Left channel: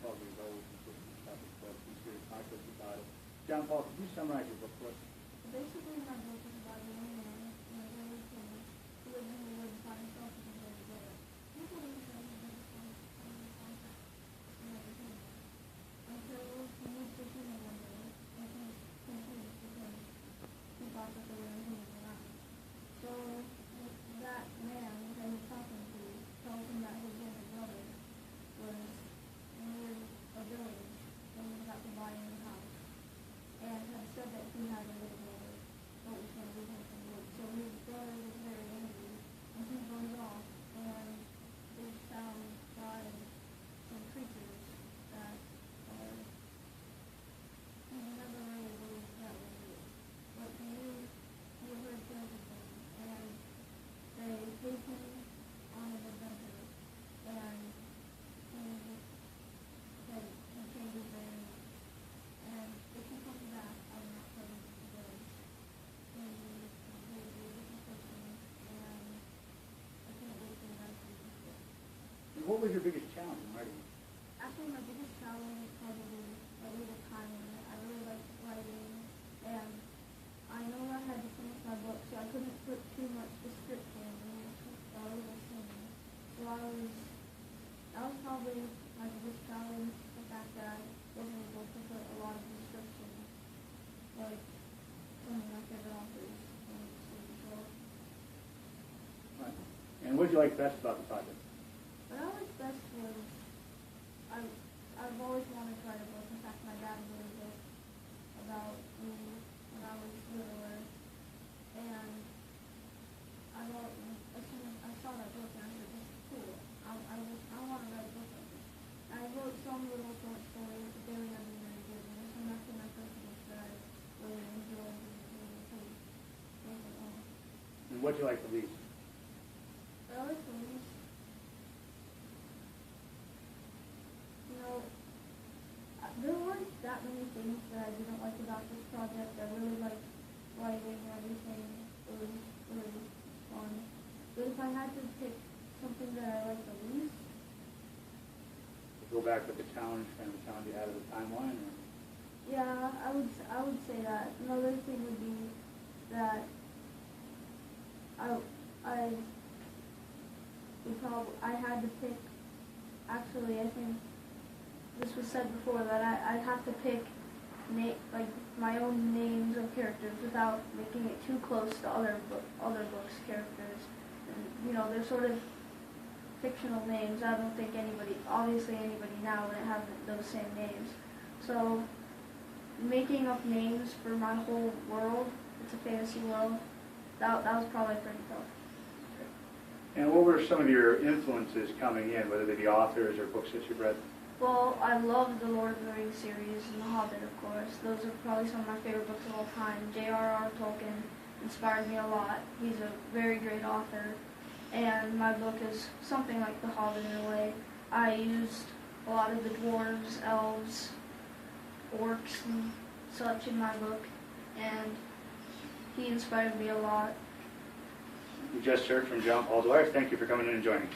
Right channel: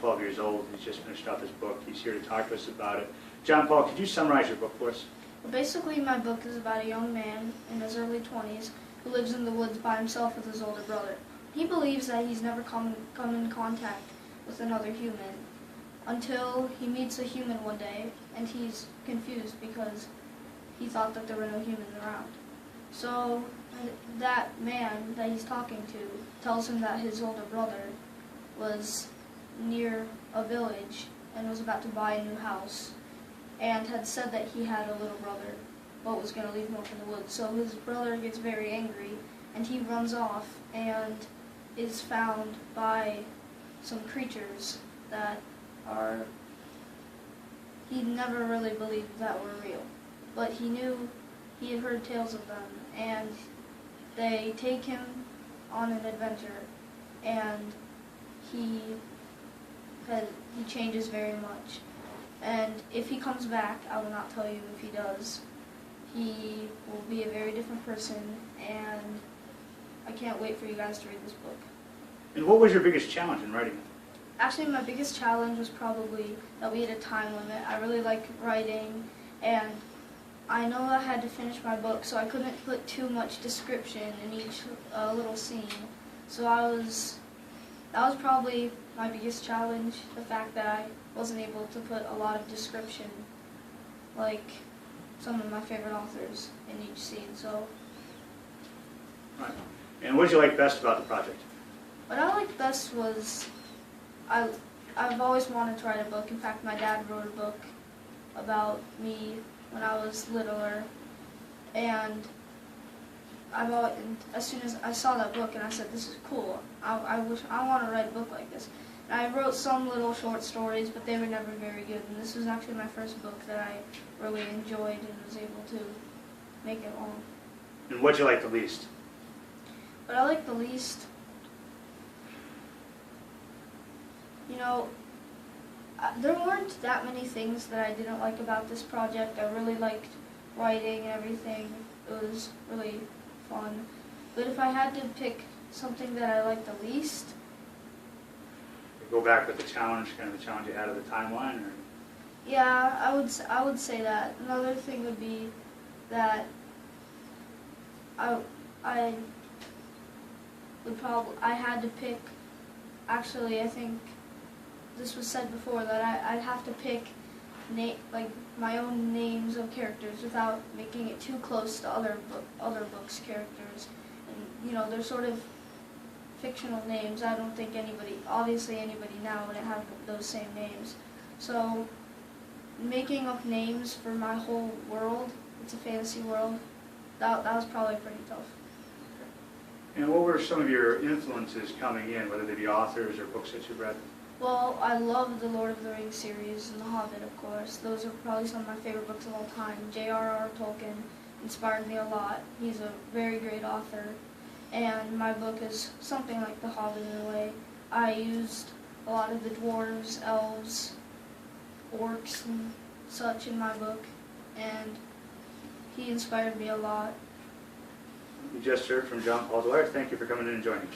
12 years old. He's just finished out his book. He's here to talk to us about it. John Paul, could you summarize your book for us? Well, basically, my book is about a young man in his early 20s who lives in the woods by himself with his older brother. He believes that he's never come in contact with another human until he meets a human one day, and he's confused because he thought that there were no humans around. So that man that he's talking to tells him that his older brother was near a village and was about to buy a new house, and had said that he had a little brother but was going to leave him off in the woods. So his brother gets very angry and he runs off and is found by some creatures that are, he never really believed that were real, but he knew, he had heard tales of them, and they take him on an adventure, and he changes very much. And if he comes back, I will not tell you if he does. He will be a very different person, and I can't wait for you guys to read this book. And what was your biggest challenge in writing it? Actually, my biggest challenge was probably that we had a time limit. I really like writing, and I know I had to finish my book, so I couldn't put too much description in each little scene. So that was probably my biggest challenge, the fact that I wasn't able to put a lot of description like some of my favorite authors in each scene. So, Right. And what did you like best about the project? what I liked best was I've always wanted to write a book. In fact, my dad wrote a book about me when I was littler, and as soon as I saw that book and I said, this is cool, I want to write a book like this. And I wrote some little short stories, but they were never very good, and this was actually my first book that I really enjoyed and was able to make it long. And what did you like the least? What I like the least, there weren't that many things that I didn't like about this project. I really liked writing and everything. It was really fun. But if I had to pick something that I liked the least, Go back with the challenge, kind of the challenge you had of the timeline, or? yeah, I would say that. Another thing would be that I had to pick, actually I think this was said before, that I'd have to pick my own names of characters without making it too close to other books' characters. And they're sort of fictional names. I don't think obviously anybody now would have those same names. So making up names for my whole world, it's a fantasy world, that was probably pretty tough. And what were some of your influences coming in, whether they be authors or books that you've read? Well, I love the Lord of the Rings series and The Hobbit, of course. Those are probably some of my favorite books of all time. J.R.R. Tolkien inspired me a lot. He's a very great author. And my book is something like The Hobbit in a way. I used a lot of the dwarves, elves, orcs, and such in my book. And he inspired me a lot. You just heard from John Paul Dwyer. Thank you for coming in and joining us.